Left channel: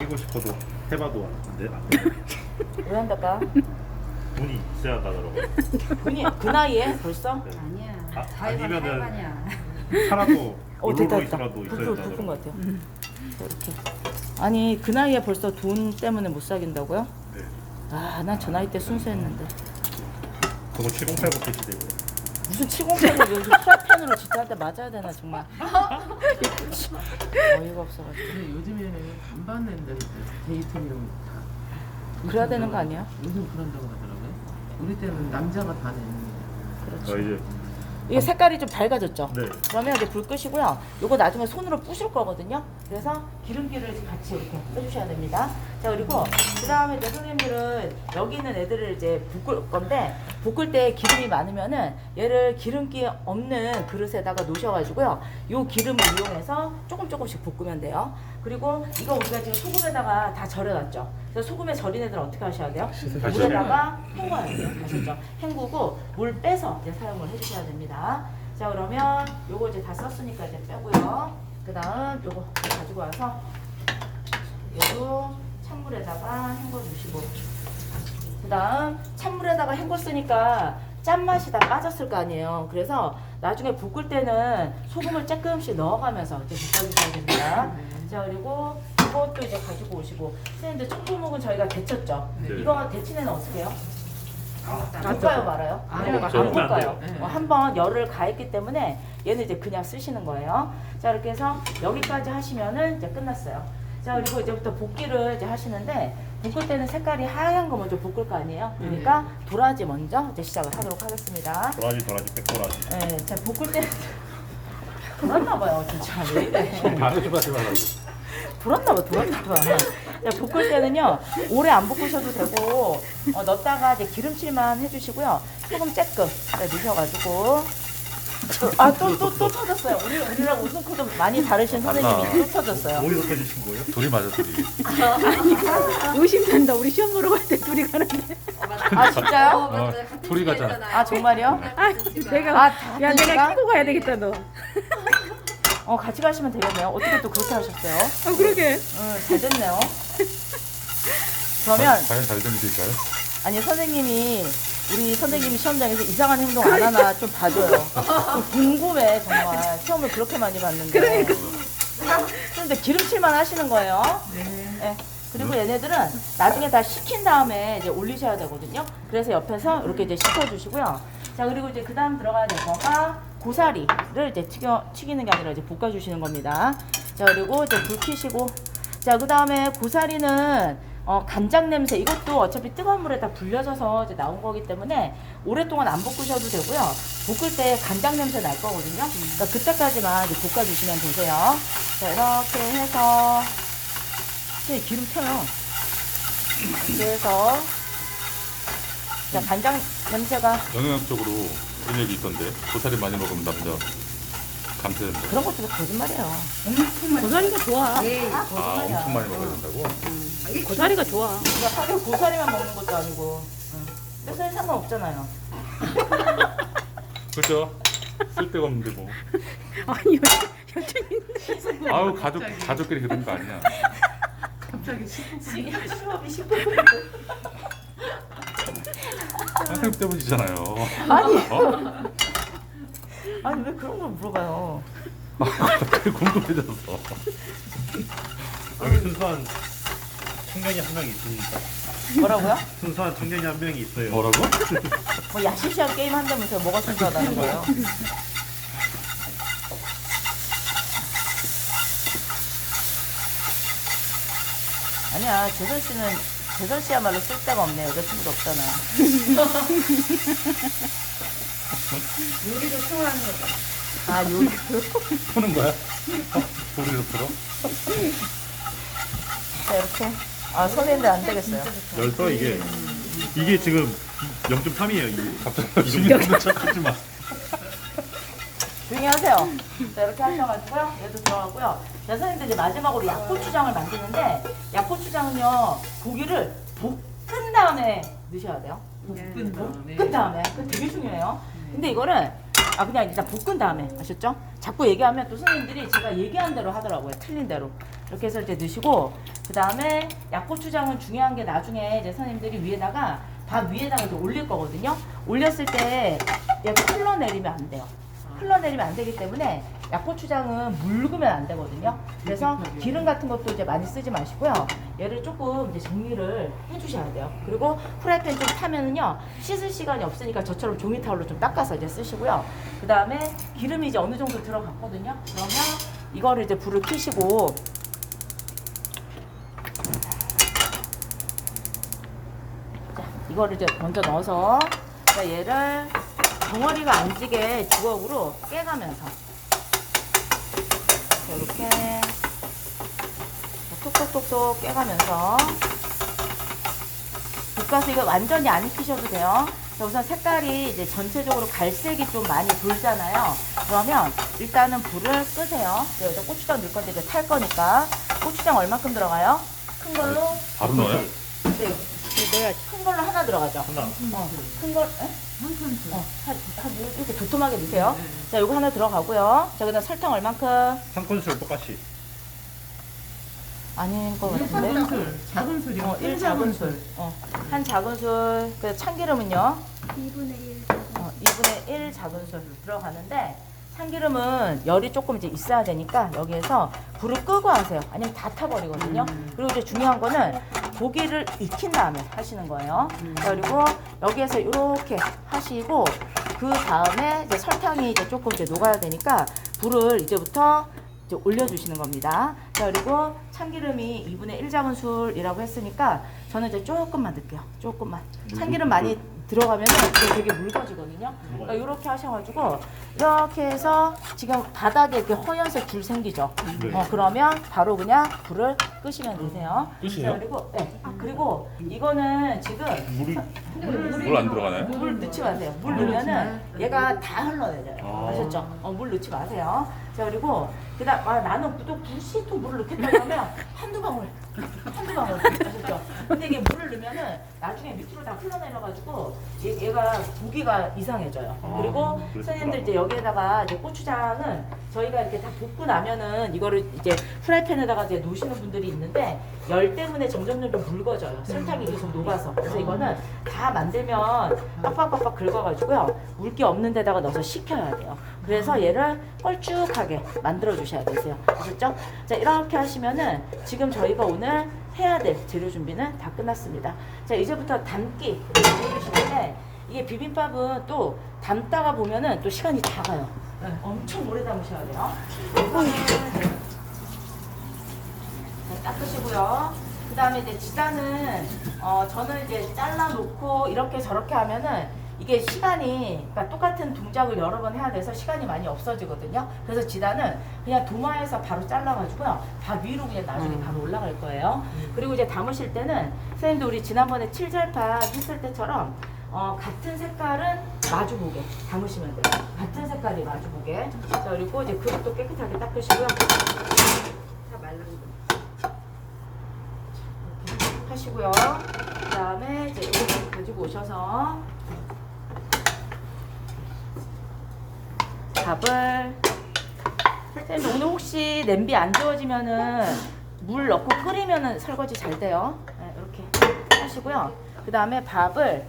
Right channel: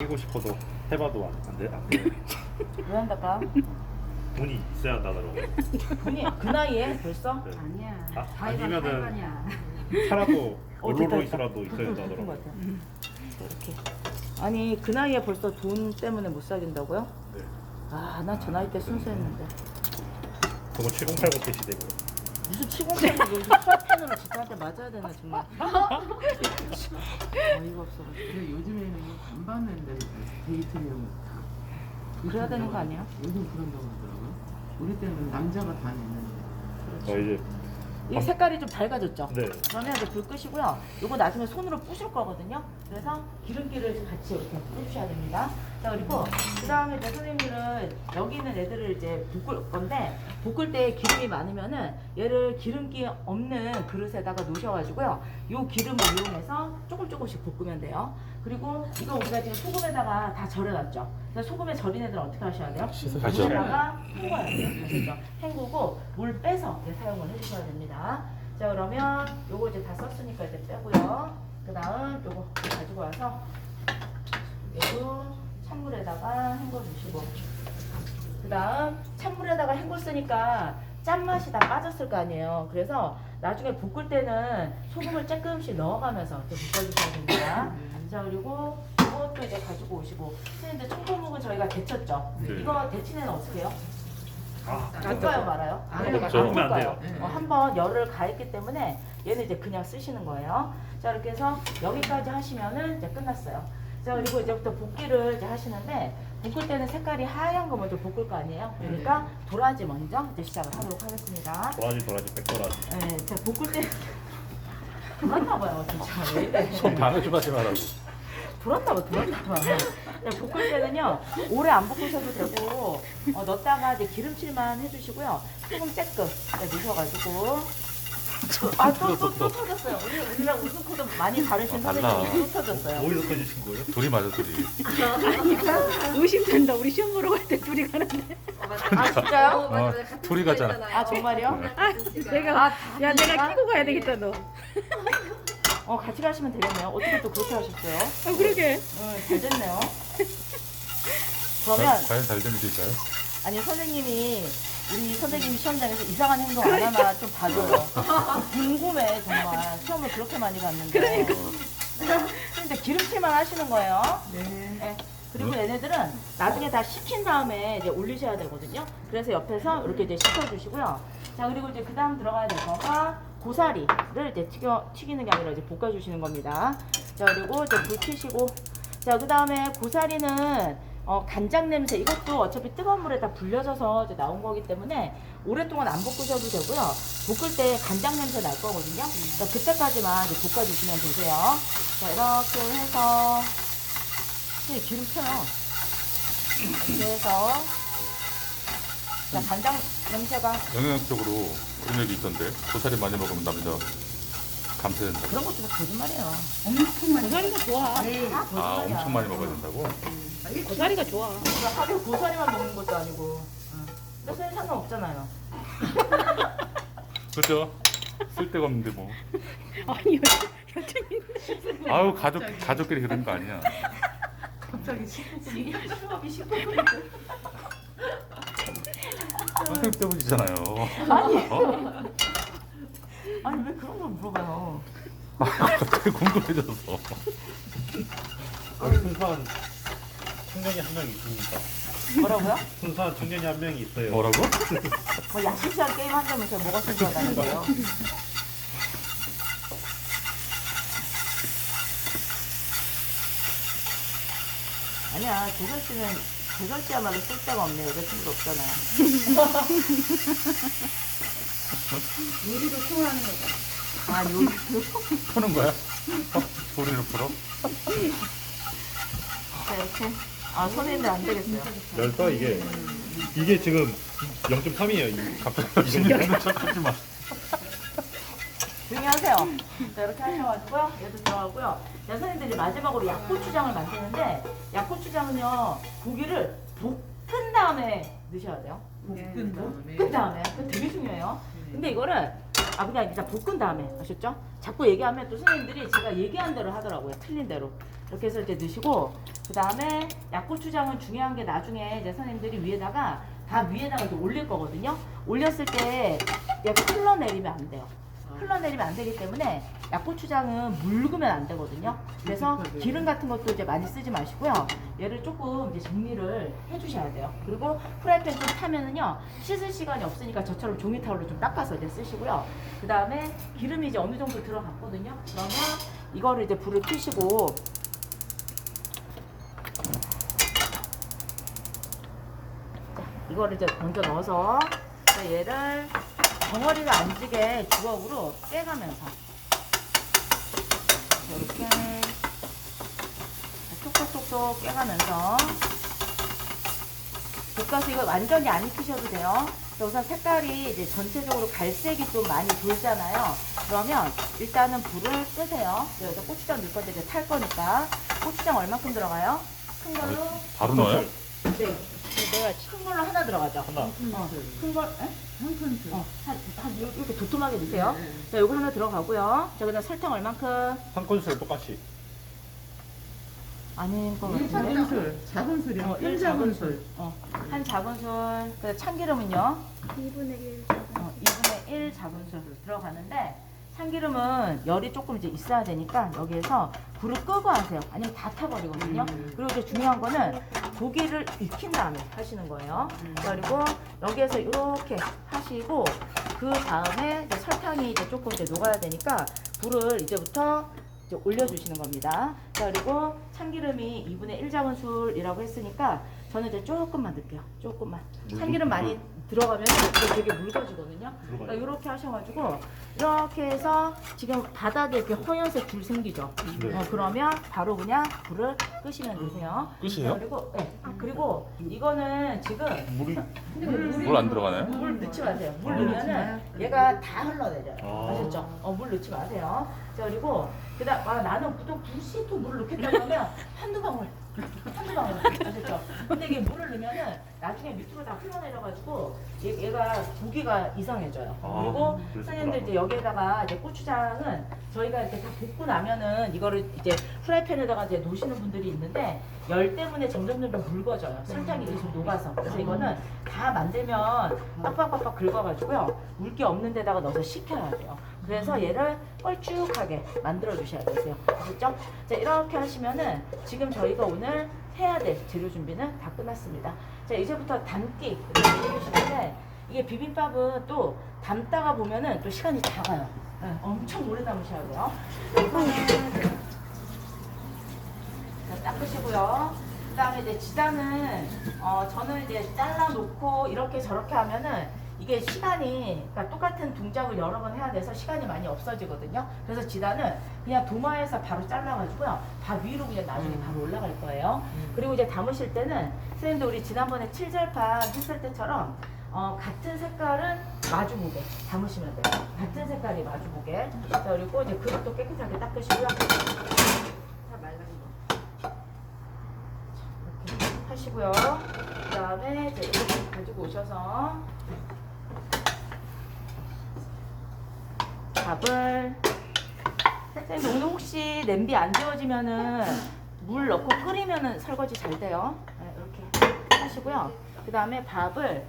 하고 싶어도 해봐도 안 돼. 왜 한달까? 돈이 있어야 한다더라고요. 돈이 그 나이에 벌써? 네. 아니야. 아니면은 아니야. 살아도 됐다, 얼로로 됐다. 있더라도 있어야 부푼 된다더라고요. 것 같아요. 이렇게. 아니 그 나이에 벌써 돈 때문에 못 사귄다고요? 네. 아, 난 저 나이 때 순수했는데. 저거 7080 PC되고요. 무슨 7080 여기 프라이팬으로 진짜 한테 맞아야 되나 정말. 어이가 없어가지고. 근데 요즘에는 안 받는데 데이트용 다. 그래야 되는 거 아니야? 요즘 그런다고 하더라고요. 우리 때는 남자가 다 내는 저 이제 이게 색깔이 좀 밝아졌죠? 네. 그러면 이제 불 끄시고요. 요거 나중에 손으로 부실 거거든요. 그래서 기름기를 같이 이렇게 빼주셔야 됩니다. 자, 그리고 그 다음에 이제 선생님들은 여기 있는 애들을 이제 볶을 건데, 볶을 때 기름이 많으면은 얘를 기름기 없는 그릇에다가 놓으셔가지고요. 요 기름을 이용해서 조금씩 볶으면 돼요. 그리고 이거 우리가 지금 소금에다가 다 절여놨죠. 그래서 소금에 절인 애들은 어떻게 하셔야 돼요? 물에다가 헹궈야 돼요. 아시죠? 헹구고 물 빼서 이제 사용을 해주셔야 됩니다. 자, 그러면 요거 이제 다 썼으니까 이제 빼고요. 그 다음 요거 가지고 와서 요거 찬물에다가 헹궈 주시고, 그 다음 찬물에다가 헹궜으니까 짠맛이 다 빠졌을 거 아니에요. 그래서 나중에 볶을 때는 소금을 조금씩 넣어가면서 이제 볶아주셔야 됩니다. 자, 그리고 이것도 이제 가지고 오시고, 선생님들 청포묵은 저희가 데쳤죠? 네. 이거 데친 애는 어떻게 해요? 아, 볶아요 말아요? 아, 네, 그렇죠. 볶으면 안 돼요. 한번 열을 가했기 때문에 얘는 이제 그냥 쓰시는 거예요. 자, 이렇게 해서 여기까지 하시면은 이제 끝났어요. 자, 그리고 이제부터 볶기를 이제 하시는데, 볶을 때는 색깔이 하얀 거 먼저 볶을 거 아니에요? 그러니까 도라지 먼저 이제 시작을 하도록 하겠습니다. 도라지 백도라지. 네, 자, 볶을 때 돌았나 봐요, 진짜. 왜 이래? 다 조심하지 말라고. 돌았나 봐. 자, 볶을 때는요, 오래 안 볶으셔도 되고, 넣었다가 이제 기름칠만 해주시고요. 조금 쬐끔 넣으셔가지고. 아, 또 터졌어요. 우리랑 웃음 코드 많이 다르신 선생님이 또 터졌어요. 어디서 터지신 거예요? 둘이 맞아 둘이. 의심된다. 우리 시험 보러 갈 때 둘이 가는데. 아, 진짜요? 어, 둘이 가자. 아, 정말요? 아, 내가 아, 야 내가 끼고 가야 되겠다 너. 같이 가시면 되겠네요. 어떻게 또 그렇게 하셨어요? 아 그러게. 잘 됐네요. 그러면, 과연 잘 되는 일일까요? 아니, 우리 선생님이 시험장에서 이상한 행동 안 하나 좀 봐줘요. 궁금해, 정말. 시험을 그렇게 많이 봤는데. 그러니까. 그런데 기름칠만 하시는 거예요. 네. 그리고 얘네들은 나중에 다 식힌 다음에 이제 올리셔야 되거든요. 그래서 옆에서 이렇게 이제 식혀주시고요. 자, 그리고 이제 그 다음 들어가야 될 거가 고사리를 이제 튀기는 게 아니라 이제 볶아주시는 겁니다. 자, 그리고 이제 불 켜시고. 자, 그 다음에 고사리는 간장 냄새, 이것도 어차피 뜨거운 물에다 불려져서 이제 나온 거기 때문에 오랫동안 안 볶으셔도 되고요. 볶을 때 간장 냄새 날 거거든요. 그러니까 그때까지만 이제 볶아주시면 되세요. 자, 이렇게 해서 기름 켜요. 이렇게 해서 자, 간장 냄새가 영양학적으로 그런 얘기 있던데 고사리 많이 먹으면 남자 감퇴된다. 그런 것도 거짓말이에요. 고사리가 좋아. 에이, 아 거짓말이야. 엄청 많이 먹어야 된다고? 고사리가 좋아. 그냥 하루 고사리만 먹는 것도 아니고. 뜻은 상관없잖아요. 그렇죠. 쓸데가 없는데 뭐. 아니 여친인데. 아우 가족끼리 그런 거 아니야. 갑자기 식구 시험이 10분. 선생님 때문이잖아요. 아니. 어? 아니, 왜 그런 걸 물어봐요? 갑자기 궁금해져서. 여기 순수한 청년이 한 명 있으니까. 뭐라고요? 순수한 청년이 한 명이 있어요. 뭐라고? 뭐 야심시한 게임 한다면서 뭐가 순수하다는 거예요? 아니야, 재선 씨야말로 쓸데가 없네. 여자친구도 없잖아. 요리를 좋아하는 거. 아, 요리. 푸는 거야? 소리를 풀어? 자, 이렇게. 아, 손인데 안 되겠어요. 열떠 이게 지금 0.3이에요. 갑자기 이런 척하지 마. 조용히 하세요. 자, 이렇게 하셔가지고요. 얘도 들어가고요. 자, 선생님들 이제 마지막으로 약고추장을 만드는데, 약고추장은요, 고기를 볶은 다음에 넣으셔야 돼요. 볶은 다음에 볶은 다음에. 그거 되게 중요해요. 근데 이거는 그냥 일단 볶은 다음에 아셨죠? 자꾸 얘기하면 또 선생님들이 제가 얘기한 대로 하더라고요. 틀린 대로. 이렇게 해서 이제 넣으시고 그 다음에 약고추장은 중요한 게 나중에 이제 선생님들이 위에다가 밥 위에다가 이제 올릴 거거든요. 올렸을 때 얘가 흘러내리면 안 돼요. 흘러내리면 안 되기 때문에 약고추장은 묽으면 안 되거든요. 그래서 기름 같은 것도 이제 많이 쓰지 마시고요. 얘를 조금 이제 정리를 해주셔야 돼요. 그리고 프라이팬 좀 타면은요 씻을 시간이 없으니까 저처럼 종이 타올로 좀 닦아서 이제 쓰시고요. 그 다음에 기름이 이제 어느 정도 들어갔거든요. 그러면 이거를 이제 불을 켜시고 자, 이거를 이제 먼저 넣어서 자, 얘를 덩어리가 안 지게 주걱으로 깨가면서 이렇게 톡톡톡톡 깨가면서 볶아서 이거 완전히 안 익히셔도 돼요. 우선 색깔이 이제 전체적으로 갈색이 좀 많이 돌잖아요. 그러면 일단은 불을 끄세요. 여기다 고추장 넣을 건데 이제 탈 거니까 고추장 얼마큼 들어가요? 큰 걸로 바로 넣어요? 네. 내가 큰 걸로 하나 들어가죠. 하나. 큰 걸, 에? 한 이렇게 도톰하게 넣으세요. 자, 요거 하나 들어가고요. 자, 그다음 설탕 얼만큼? 한 큰술 똑같이. 아닌 거 작은 같은데? 술, 작은 술이요. 일 1 작은 작은 술. 술. 한 작은 술. 그 참기름은요? 2분의 1. 2분의 1 작은 술 들어가는데 참기름은 열이 조금 이제 있어야 되니까 여기에서 불을 끄고 하세요. 아니면 다 타버리거든요. 그리고 이제 중요한 거는 고기를 익힌 다음에 하시는 거예요. 그리고 여기에서 이렇게 하시고 그 다음에 이제 설탕이 이제 조금 이제 녹아야 되니까 불을 이제부터 이제 올려주시는 겁니다. 자, 그리고 참기름이 2분의 1 작은 술이라고 했으니까 저는 이제 조금만 넣을게요. 조금만. 참기름 많이 들어가면 되게 묽어지거든요. 그러니까 이렇게 하셔가지고 이렇게 해서 지금 바닥에 이렇게 허연색 줄 생기죠. 네. 그러면 바로 그냥 불을 끄시면 되세요. 끝이에요? 자, 그리고 그리고 이거는 지금 물이 물 안 들어가나요? 물 넣지 마세요. 물 넣으면은 얘가 다 흘러내려요. 아. 아셨죠? 물 넣지 마세요. 자, 그리고 그다음 나는 또 굳이 또 물을 넣겠다고 하면 한두 방울 아셨죠? 근데 이게 물을 넣으면은 나중에 밑으로 다 흘러내려가지고 얘가 고기가 이상해져요. 아, 그리고 그렇구나. 선생님들 이제 여기에다가 이제 고추장은 저희가 이렇게 다 볶고 나면은 이거를 이제 프라이팬에다가 이제 놓으시는 분들이 있는데 열 때문에 점점 묽어져요. 설탕이 계속 녹아서. 그래서 이거는 다 만들면 빡빡빡빡 긁어가지고요. 물기 없는 데다가 넣어서 식혀야 돼요. 그래서 얘를 뻘쭉하게 만들어 주셔야 되세요. 아셨죠? 자, 이렇게 하시면은 지금 저희가 오늘 해야 될 재료 준비는 다 끝났습니다. 자, 이제부터 담기 해주시는데 이게 비빔밥은 또 담다가 보면은 또 시간이 다 가요. 네, 엄청 오래 담으셔야 돼요. 자, 닦으시고요. 그 다음에 이제 지단은 저는 이제 잘라놓고 이렇게 저렇게 하면은 이게 시간이 그러니까 똑같은 동작을 여러 번 해야 돼서 시간이 많이 없어지거든요. 그래서 지단은 그냥 도마에서 바로 잘라가지고요. 밥 위로 그냥 나중에 바로 올라갈 거예요. 그리고 이제 담으실 때는 선생님도 우리 지난번에 칠절판 했을 때처럼 같은 색깔은 마주보게 담으시면 돼요. 같은 색깔이 마주보게. 자, 그리고 이제 그릇도 깨끗하게 닦으시고요. 이렇게 하시고요. 그 다음에 이제 이렇게 가지고 오셔서 밥을 선생님 오늘 혹시 냄비 안 지워지면은 물 넣고 끓이면은 설거지 잘 돼요. 네, 이렇게 하시고요. 그 다음에 밥을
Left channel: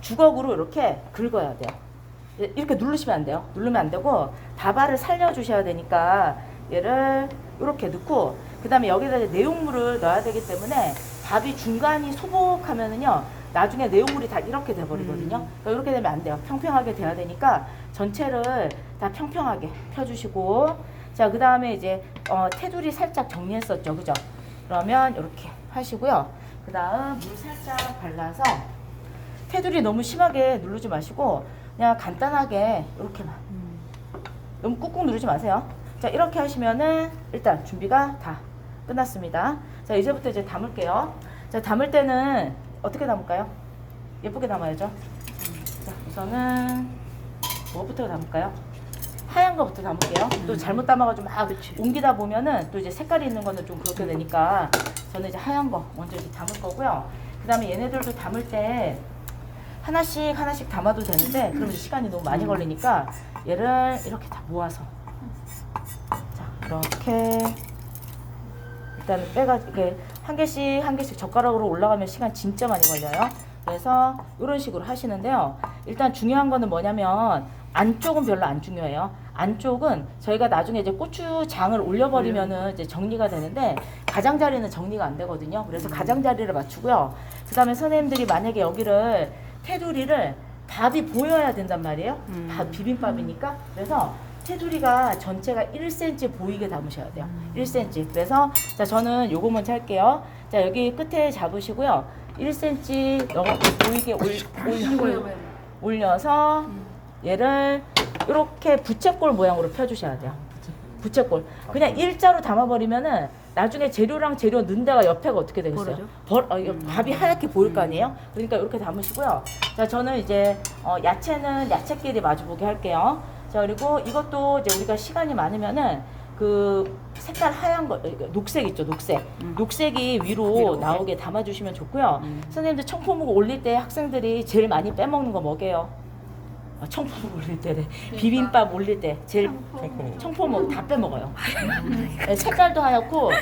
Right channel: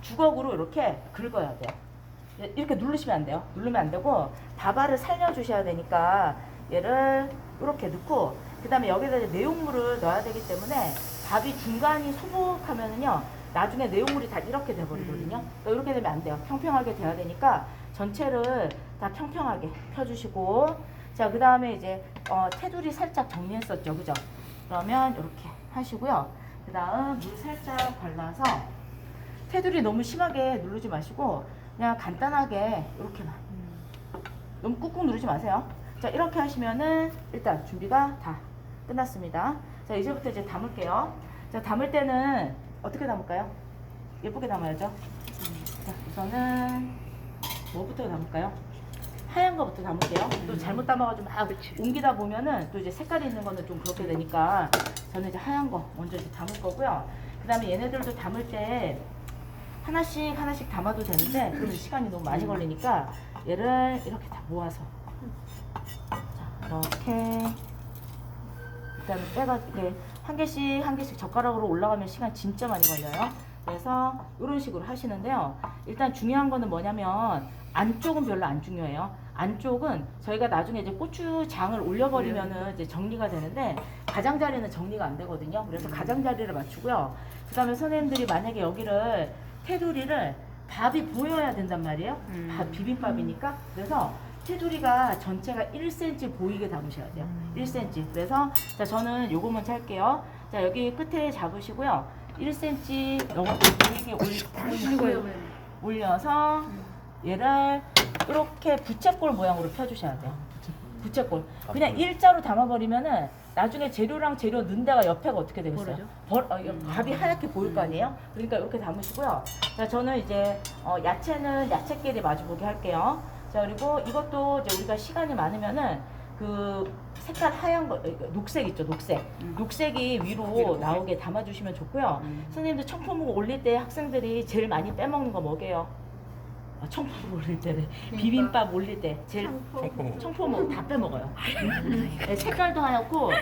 주걱으로 이렇게 긁어야 돼요. 이렇게 누르시면 안 돼요. 누르면 안 되고 밥알을 살려주셔야 되니까 얘를 이렇게 넣고 그 다음에 여기다 이제 내용물을 넣어야 되기 때문에 밥이 중간이 소복하면은요 나중에 내용물이 다 이렇게 돼버리거든요. 그러니까 이렇게 되면 안 돼요. 평평하게 돼야 되니까 전체를 다 평평하게 펴주시고 자, 그 다음에 이제 테두리 살짝 정리했었죠, 그죠? 그러면 이렇게 하시고요. 그 다음 물 살짝 발라서 테두리 너무 심하게 누르지 마시고 그냥 간단하게 이렇게만 너무 꾹꾹 누르지 마세요. 자, 이렇게 하시면은 일단 준비가 다 끝났습니다. 자, 이제부터 이제 담을게요. 자, 담을 때는 어떻게 담을까요? 예쁘게 담아야죠. 자, 우선은 뭐부터 담을까요? 하얀 거부터 담을게요. 또 잘못 담아가지고 막 옮기다 보면은 또 이제 색깔이 있는 거는 좀 그렇게 되니까 저는 이제 하얀 거 먼저 이제 담을 거고요. 그 다음에 얘네들도 담을 때 하나씩 담아도 되는데 그럼 시간이 너무 많이 걸리니까 얘를 이렇게 다 모아서 자 이렇게 일단은 빼가 이게 한 개씩 젓가락으로 올라가면 시간 진짜 많이 걸려요. 그래서 이런 식으로 하시는데요. 일단 중요한 거는 뭐냐면 안쪽은 별로 안 중요해요. 안쪽은 저희가 나중에 이제 고추장을 올려버리면은 이제 정리가 되는데 가장자리는 정리가 안 되거든요. 그래서 가장자리를 맞추고요. 그 다음에 선생님들이 만약에 여기를 테두리를 밥이 보여야 된단 말이에요. 밥 비빔밥이니까. 그래서 테두리가 전체가 1cm 보이게 담으셔야 돼요. 1cm. 그래서 자 저는 요거 먼저 할게요. 자 여기 끝에 잡으시고요. 1cm 보이게 올려서 얘를 이렇게 부채꼴 모양으로 펴주셔야 돼요. 부채꼴. 그냥 일자로 담아버리면은 나중에 재료랑 재료 넣은 데가 옆에가 어떻게 되겠어요? 이거 밥이 하얗게 보일 거 아니에요? 그러니까 이렇게 담으시고요. 자 저는 이제 야채는 야채끼리 마주보게 할게요. 자 그리고 이것도 이제 우리가 시간이 많으면은 그 색깔 하얀 거 녹색 있죠, 녹색. 녹색이 위로 나오게 담아주시면 좋고요. 선생님들 청포묵 올릴 때 학생들이 제일 많이 빼먹는 거 뭐게요? 청포묵 올릴 때래. 비빔밥 올릴 때 제일 청포묵 다 빼먹어요. 네, 색깔도 하얗고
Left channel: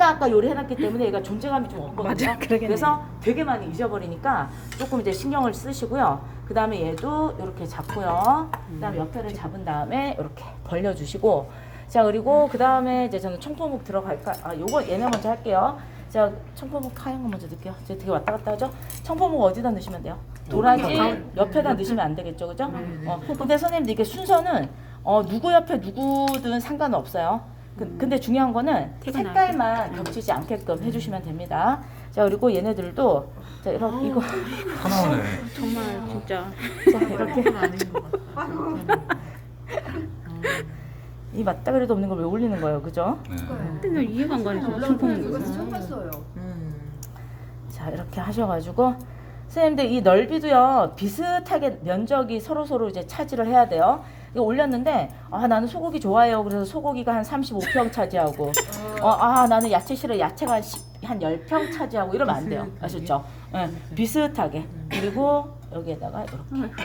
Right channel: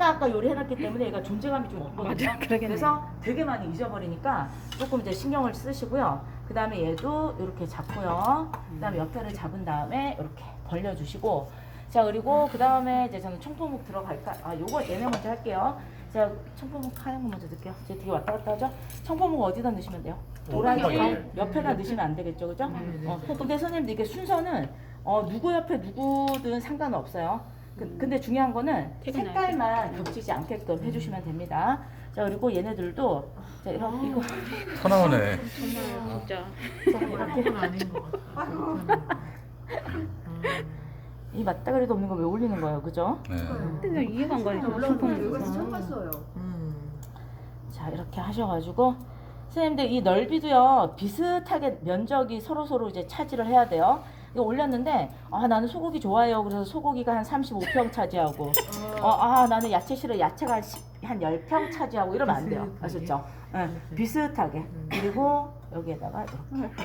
아까 요리해놨기 때문에 얘가 존재감이 좀 없거든요. 맞아, 그러겠네. 그래서 되게 많이 잊어버리니까 조금 이제 신경을 쓰시고요. 그 다음에 얘도 이렇게 잡고요. 그 다음에 옆에를 잡은 다음에 이렇게 벌려주시고 자 그리고 그 다음에 이제 저는 청포묵 들어갈까? 요거 얘네 먼저 할게요. 자 청포묵 하얀 거 먼저 넣을게요. 제가 되게 왔다 갔다 하죠? 청포묵 어디다 넣으시면 돼요? 도라지 옆에다 넣으시면 안 되겠죠, 그죠? 근데 선생님들 이게 순서는 누구 옆에 누구든 상관없어요. 근데 중요한 거는 색깔만 겹치지 않게끔 해주시면 됩니다. 자 그리고 얘네들도 자 이렇게 이거 하나하네. 정말 진짜. 그건 아닌 것 같아. 이 맞다 그래도 없는 걸 왜 올리는 거예요, 그죠? 근데 이해가 안 가요. 이거 처음 봤어요. 자 이렇게 하셔가지고 선생님들 이 넓이도요 비슷하게 면적이 서로 이제 차지를 해야 돼요. 이거 올렸는데 나는 소고기 좋아해요. 그래서 소고기가 한 35평 차지하고 나는 야채 싫어. 야채가 한 10평 차지하고 이러면 안 돼요. 아셨죠? 네, 비슷하게. 그리고 여기에다가 이렇게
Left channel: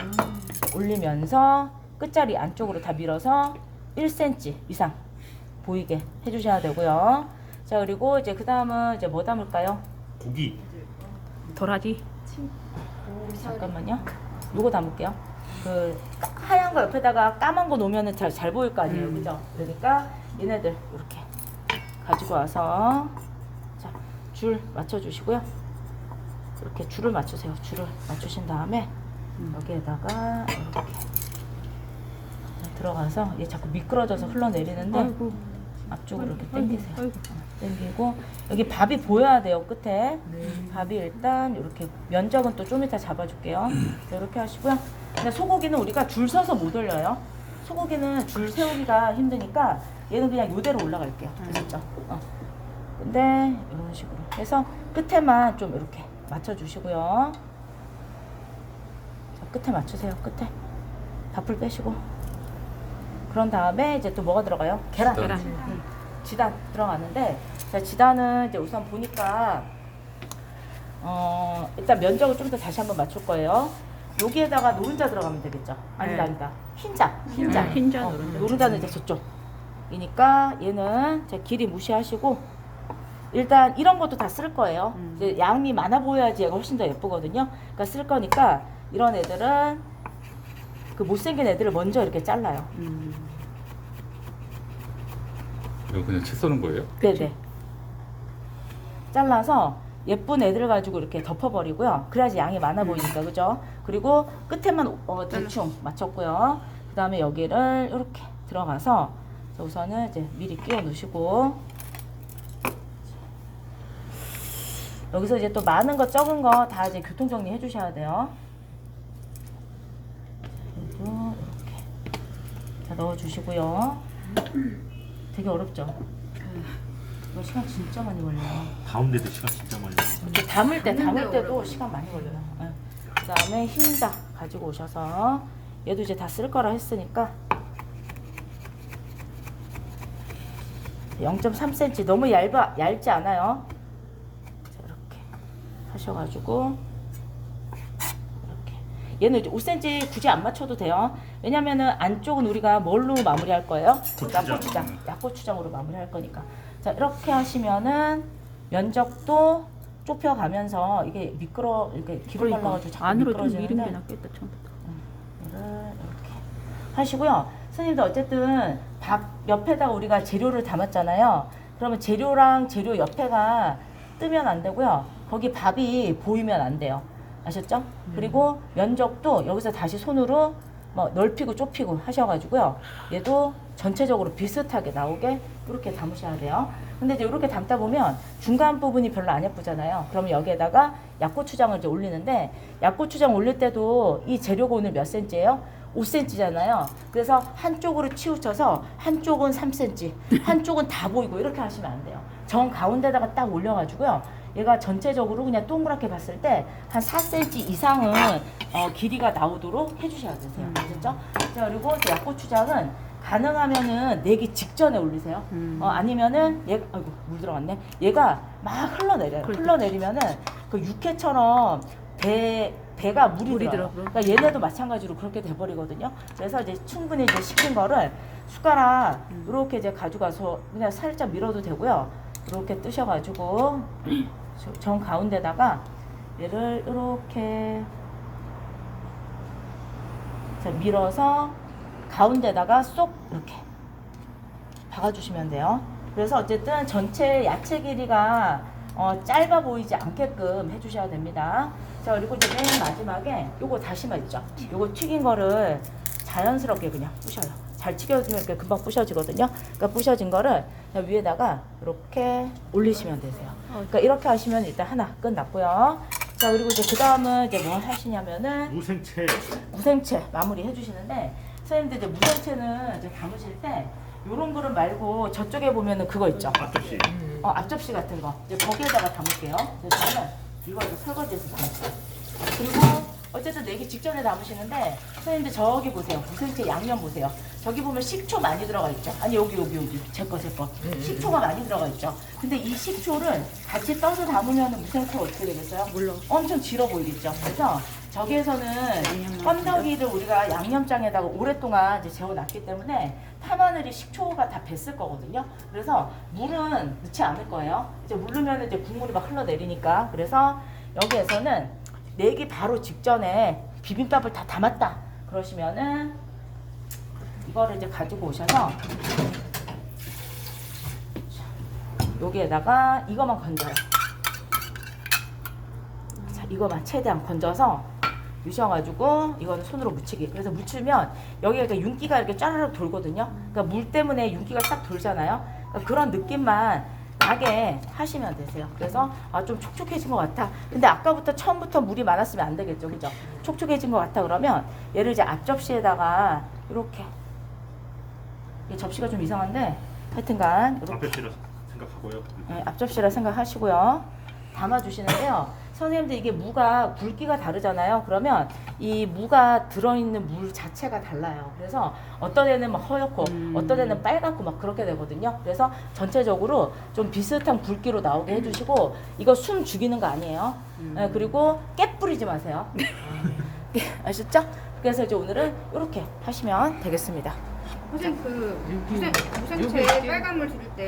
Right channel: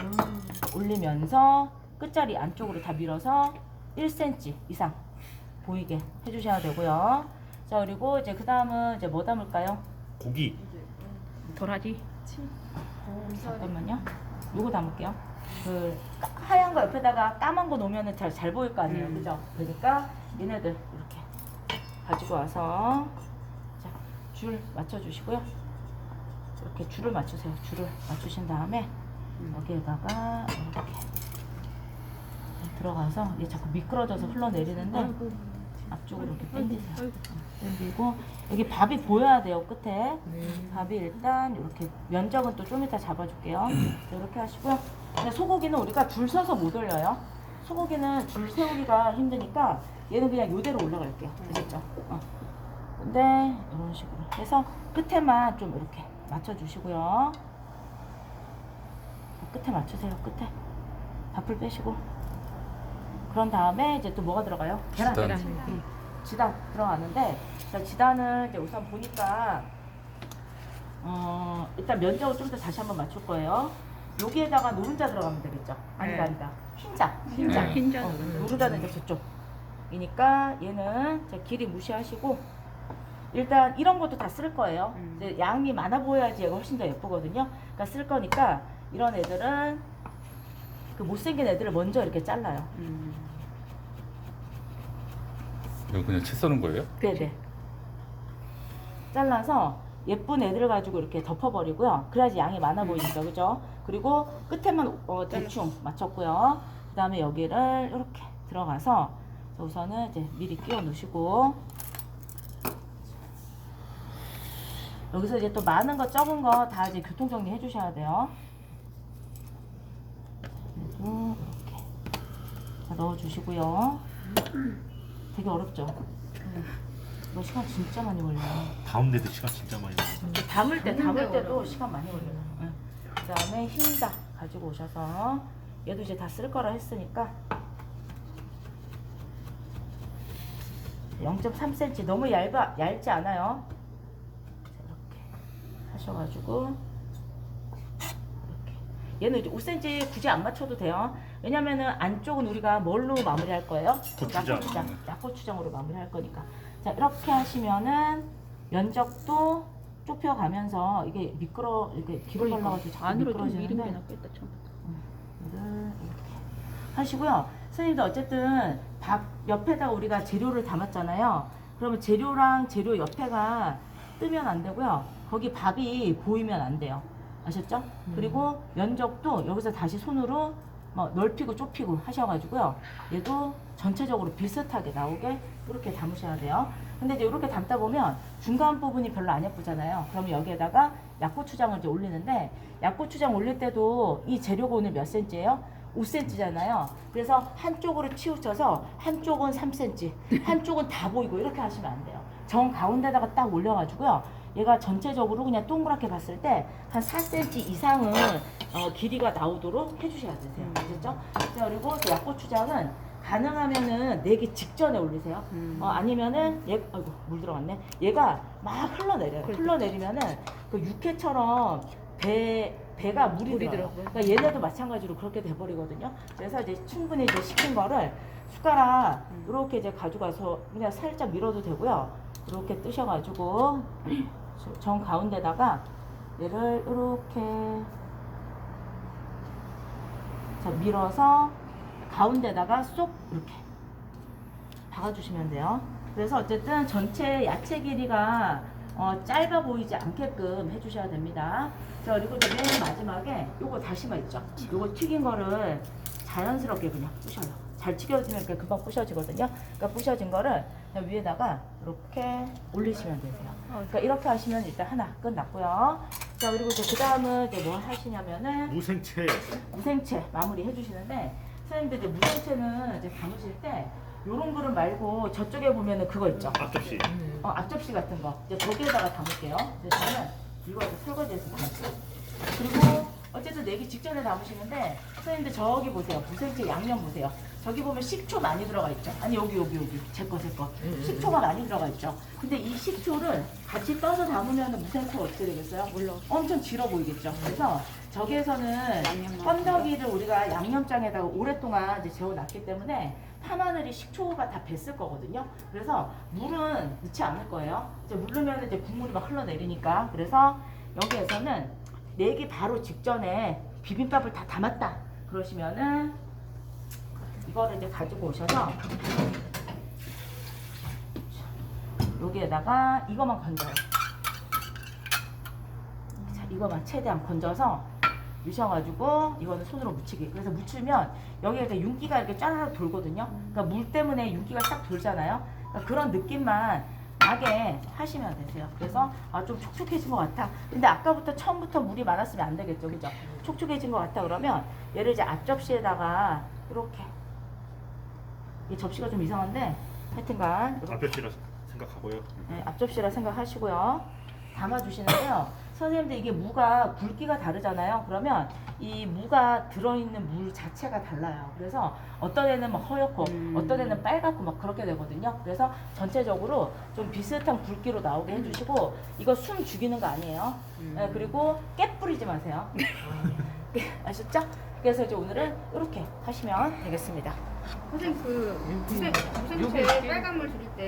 올리면서 끝자리 안쪽으로 다 밀어서 1cm 이상 보이게 해주셔야 되고요. 자 그리고 이제 그 다음은 이제 뭐 담을까요? 고기. 도라지. 잠깐만요. 요거 담을게요. 그 하얀 거 옆에다가 까만 거 놓으면은 잘 보일 거 아니에요, 그죠? 그러니까 얘네들 이렇게 가지고 와서 자 줄 맞춰주시고요. 이렇게 줄을 맞추세요. 줄을 맞추신 다음에 여기에다가 이렇게 들어가서 얘 자꾸 미끄러져서 흘러내리는데 앞쪽으로 이렇게 당기세요. 당기고 여기 밥이 보여야 돼요, 끝에. 밥이 일단 이렇게 면적은 또 좀 이따 잡아줄게요. 자, 이렇게 하시고요. 근데 소고기는 우리가 줄 서서 못 올려요. 소고기는 줄 세우기가 힘드니까 얘는 그냥 이대로 올라갈게요. 됐죠? 근데 이런 식으로 해서 끝에만 좀 이렇게 맞춰주시고요. 자, 끝에 맞추세요. 끝에 밥풀 빼시고. 그런 다음에 이제 또 뭐가 들어가요? 계란. 지단 들어가는데 자, 지단은 이제 우선 보니까 일단 면적을 좀 더 다시 한번 맞출 거예요. 여기에다가 노른자 들어가면 되겠죠? 아니다. 흰자. 노른자는 이제 저쪽이니까 얘는 제 길이 무시하시고 일단 이런 것도 다 쓸 거예요. 이제 양이 많아 보여야지 얘가 훨씬 더 예쁘거든요. 그러니까 쓸 거니까 이런 애들은 그 못생긴 애들을 먼저 이렇게 잘라요. 이거 그냥 채 써는 거예요? 네네. 잘라서 예쁜 애들 가지고 이렇게 덮어버리고요. 그래야지 양이 많아 보이니까, 그죠? 그리고 끝에만 대충 맞췄고요. 그 다음에 여기를 이렇게 들어가서 우선은 이제 미리 끼워 놓으시고 여기서 이제 또 많은 거 적은 거 다 이제 교통 정리 해주셔야 돼요. 그리고 이렇게 다 넣어주시고요. 되게 어렵죠? 이거 시간 진짜 많이 걸려요. 가운데도 시간 진짜 많이 걸려. 담을 때도 시간 많이 걸려요. 네. 그 다음에 흰자 가지고 오셔서 얘도 이제 다 쓸 거라 했으니까 0.3cm 너무 얇지 않아요. 자, 이렇게 하셔가지고 얘는 이제 5cm 굳이 안 맞춰도 돼요. 왜냐면은 안쪽은 우리가 뭘로 마무리할 거예요? 고추장. 약고추장으로 마무리할 거니까. 자, 이렇게 하시면은 면적도 좁혀가면서 이게 이렇게 기름 발라가지고 자꾸 안으로 좀 미린 게 미끄러지는데 낫겠다 처음부터. 이렇게 하시고요. 선생님도 어쨌든 밥 옆에다가 우리가 재료를 담았잖아요. 그러면 재료랑 재료 옆에가 뜨면 안 되고요. 거기 밥이 보이면 안 돼요. 아셨죠? 그리고 면적도 여기서 다시 손으로 뭐 넓히고 좁히고 하셔가지고요. 얘도 전체적으로 비슷하게 나오게 이렇게 담으셔야 돼요. 근데 이제 이렇게 담다 보면 중간 부분이 별로 안 예쁘잖아요. 그러면 여기에다가 약고추장을 이제 올리는데 약고추장 올릴 때도 이 재료가 오늘 몇 cm예요? 5cm잖아요. 그래서 한쪽으로 치우쳐서 한쪽은 3cm, 한쪽은 다 보이고 이렇게 하시면 안 돼요. 정 가운데다가 딱 올려가지고요. 얘가 전체적으로 그냥 동그랗게 봤을 때 한 4cm 이상은 길이가 나오도록 해주셔야 되세요. 아셨죠? 자, 그리고 약고추장은 가능하면은 내기 직전에 올리세요. 아니면은 아이고 물 들어갔네. 얘가 막 흘러내려요. 흘러내리면은 그 육회처럼 배가 물이 들어요. 그러니까 얘네도 마찬가지로 그렇게 돼버리거든요. 그래서 이제 충분히 이제 식힌 거를 숟가락 이렇게 이제 가져가서 그냥 살짝 밀어도 되고요. 이렇게 뜨셔가지고 정 가운데다가 얘를 이렇게 자 밀어서 가운데다가 쏙 이렇게 박아주시면 돼요. 그래서 어쨌든 전체 야채 길이가 짧아 보이지 않게끔 해주셔야 됩니다. 자, 그리고 이제 맨 마지막에 요거 다시마 있죠? 요거 튀긴 거를 자연스럽게 그냥 부셔요. 잘 튀겨지면 이렇게 금방 부셔지거든요. 그러니까 부셔진 거를 그냥 위에다가 이렇게 올리시면 되세요. 그러니까 이렇게 하시면 일단 하나 끝났고요. 자, 그리고 이제 그 다음은 이제 뭘 하시냐면은 무생채 마무리 해주시는데 선생님들 이제 무생채는 이제 담으실 때 요런 거를 말고 저쪽에 보면은 그거 있죠? 앞접시. 앞접시 같은 거 이제 거기에다가 담을게요. 저는 이거 설거지해서 담을게요. 그리고 어쨌든 내기 직전에 담으시는데 선생님들 저기 보세요. 무생채 양념 보세요. 저기 보면 식초 많이 들어가 있죠. 아니 여기 제 거 식초가 많이 들어가 있죠. 근데 이 식초를 같이 떠서 담으면 무생채가 어떻게 되겠어요? 물론 엄청 질어 보이겠죠. 그래서 저기에서는 건더기를 우리가 양념장에다가 오랫동안 이제 재워놨기 때문에 파마늘이 식초가 다 뱄을 거거든요. 그래서 물은 넣지 않을 거예요. 이제 물 넣으면 이제 국물이 막 흘러내리니까. 그래서 여기에서는 내기 바로 직전에 비빔밥을 다 담았다. 그러시면은 이거를 이제 가지고 오셔서 여기에다가 이거만 건져요. 자, 이거만 최대한 건져서 유셔가지고 이거는 손으로 묻히기. 그래서 묻히면 여기가 이제 윤기가 이렇게 짜르르 돌거든요. 그러니까 물 때문에 윤기가 싹 돌잖아요. 그러니까 그런 느낌만 나게 하시면 되세요. 그래서 좀 촉촉해진 것 같아. 근데 아까부터 처음부터 물이 많았으면 안 되겠죠, 그죠? 촉촉해진 것 같아 그러면 얘를 이제 앞접시에다가 이렇게 이 접시가 좀 이상한데 하여튼간 앞접시라 생각하고요. 네, 앞접시라 생각하시고요. 담아주시는데요. 선생님들 이게 무가 굵기가 다르잖아요. 그러면 이 무가 들어있는 물 자체가 달라요. 그래서 어떤 애는 막 허옇고 어떤 애는 빨갛고 막 그렇게 되거든요. 그래서 전체적으로 좀 비슷한 굵기로 나오게 해주시고 이거 숨 죽이는 거 아니에요. 네, 그리고 깨 뿌리지 마세요. 아셨죠? 그래서 이제 오늘은 이렇게 하시면 되겠습니다. 선생님 그 여기 무생채 빨간 물 드릴 때